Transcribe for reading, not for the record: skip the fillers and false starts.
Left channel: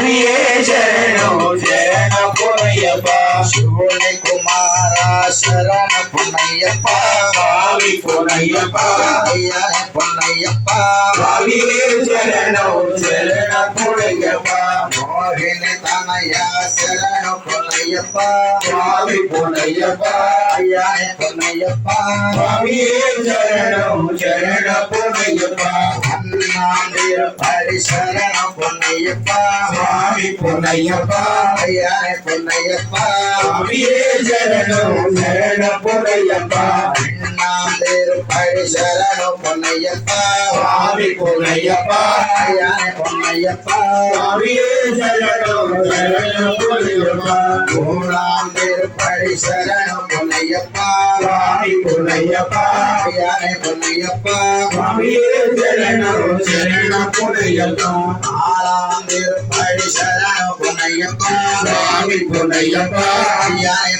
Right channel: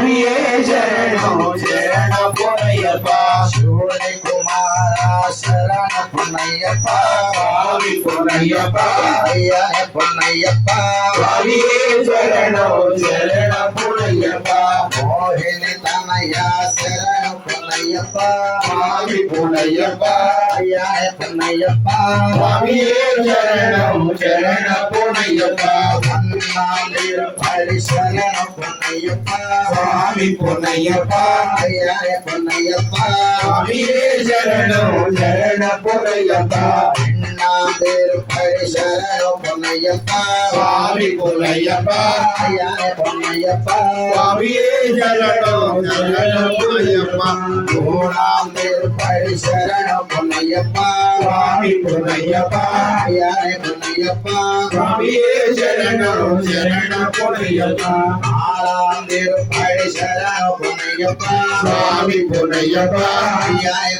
சுவாமியே சரணம் சரண பொன்னையப்பா சிவனை குமாரா சரண பொன்னையப்பா சுவாமி பொன்னையப்பா ஐயனே பொன்னையப்பா சுவாமியே சரணம் சரண பொன்னையப்பா மோகினி தனையா சரண பொன்னையப்பா சுவாமி பொன்னையப்பா ஐயனே பொன்னையப்பா சுவாமியே சரணம் சரண பொன்னையப்பா அண்ணாந்திரு பரி சரண பொன்னையப்பா சுவாமி பொன்னையப்பா ஐயனே பொன்னையப்பா சுவாமியே சரணம் சரண பொன்னையப்பா அண்ணாந்திரு பரி சரண பொன்னையப்பா சுவாமி பொன்னையப்பா ஐயனே பொன்னையப்பா சுவாமியே சரணம் சரண பொன்னையப்பா மூணாந்திரு பரி சரண பொன்னையப்பா சுவாமி பொன்னையப்பா ஐயனே பொன்னையப்பா சுவாமியே சரணம் சரண பொன்னையப்பா ஆறாந்திரு பரி சரண பொன்னையப்பா சுவாமி பொன்னையப்பா ஐயனே